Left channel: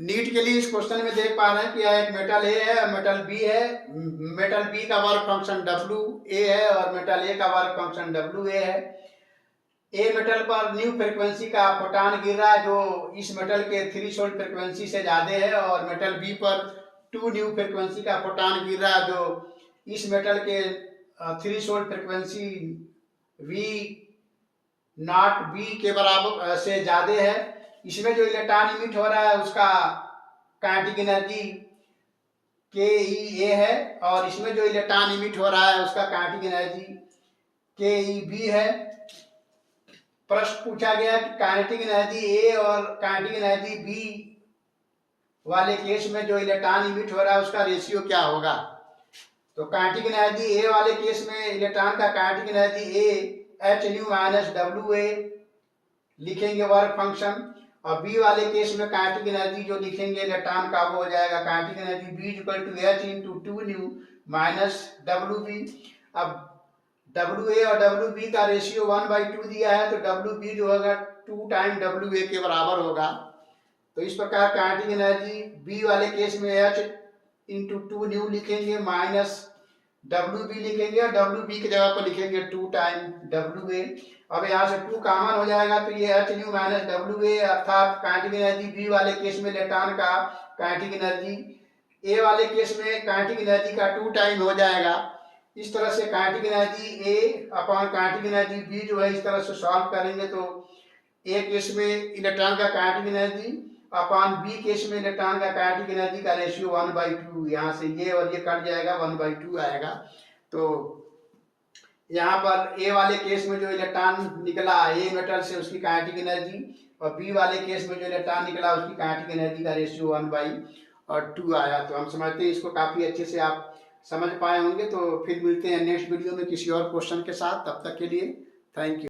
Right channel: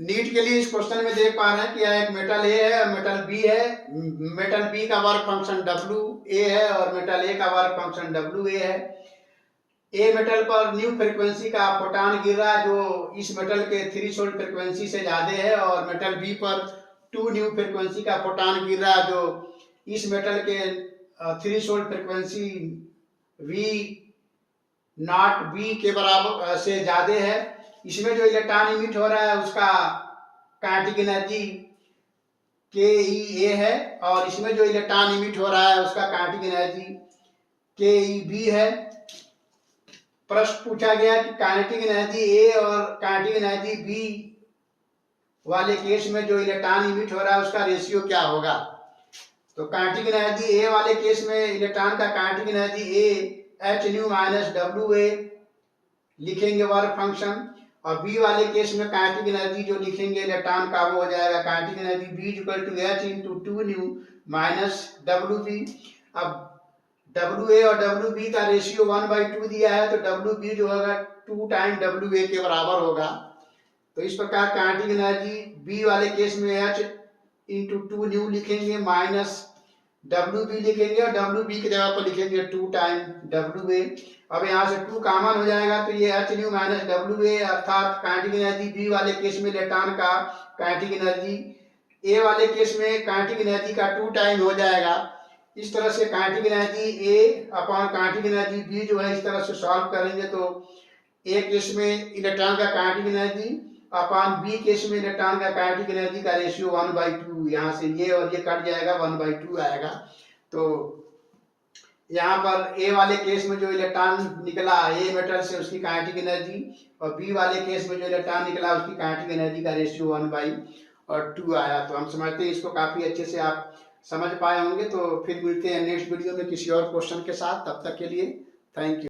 NEET के लिए इस क्वेश्चन में देख पा रहे हैं कि यह एक मेटल ए है और मेटल बी है। मेटल बी का वर्क फंक्शन डब्ल्यू ए है और मेटल ए का वर्क फंक्शन डब्ल्यू ए है। ए मेटल पर न्यू फ्रीक्वेंसी का फोटान गिर रहा है जो इस मेटल के थ्रेशोल्ड फ्रीक्वेंसी से ज्यादा है, और मेटल बी पर 2 न्यू फ्रीक्वेंसी का फोटान गिर रहा है जो इस मेटल के threshold frequency V naught B के बराबर से ज्यादा है। इसमें जो इलेक्ट्रॉन इमिट हो रहा है उसका काइनेटिक एनर्जी के ई ए है, और इसमें जो इलेक्ट्रॉन इमिट हो रहा है उसका काइनेटिक एनर्जी के ई बी है। प्रश्न पूछा गया कि काइनेटिक एनर्जी ए और काइनेटिक एनर्जी बी वाले केस में जो इलेक्ट्रॉन इमिट हो रहा है उसका रेशियो क्या होगा। तो काइनेटिक एनर्जी ए वाले केस में इलेक्ट्रॉन का kinetic energy A H nu minus W A लिखेंगे वर्क फंक्शन, और बी वाले केस में काइनेटिक एनर्जी जो लिखेंगे इलेक्ट्रॉन का वो हो जाएगा kinetic energy B equal to H into 2 nu minus W B. अब डब्ल्यू ए और डब्ल्यू बी का रेशियो 1/2 दिया है, तो डब्ल्यू बी जो होगा 2 टाइम डब्ल्यू ए के बराबर होगा। तो इस प्रकार काइनेटिक एनर्जी बी वाले केस में एच इंटू 2 न्यू लिखेंगे माइनस डब्ल्यू बी लिखेंगे, और डब्ल्यू बी की जगह पर लिखेंगे 2 टाइम डब्ल्यू ए। अब यहाँ से 2 कॉमन हो जाएगा तो ये एच न्यू माइनस डब्ल्यू ए, अर्थात काइनेटिक एनर्जी बी वाले केस में इलेक्ट्रॉन का काइनेटिक एनर्जी ए वाले केस में काइनेटिक एनर्जी का 2 टाइम हो जाएगा। इस तरह से kinetic energy A upon kinetic energy B जो है इस तरह से सॉल्व करेंगे तो ए केस में इलेक्ट्रॉन का kinetic energy upon B case में इलेक्ट्रॉन का काइनेटिक एनर्जी का रेशियो 1/2, यहाँ से ये और ये कट जाएगा 1/2 आएगा। तो यहाँ पर ए वाले केस में जो इलेक्ट्रॉन निकला ए मेटल से उसकी काइनेटिक एनर्जी, और बी वाले केस में जो इलेक्ट्रॉन निकला उसकी काइनेटिक एनर्जी का रेशियो 1/2 आया। तो हम समझते हैं इसको काफी अच्छे से आप समझ पाए होंगे। तो फिर मिलते हैं नेक्स्ट वीडियो में किसी और क्वेश्चन के साथ, तब तक के लिए थैंक यू।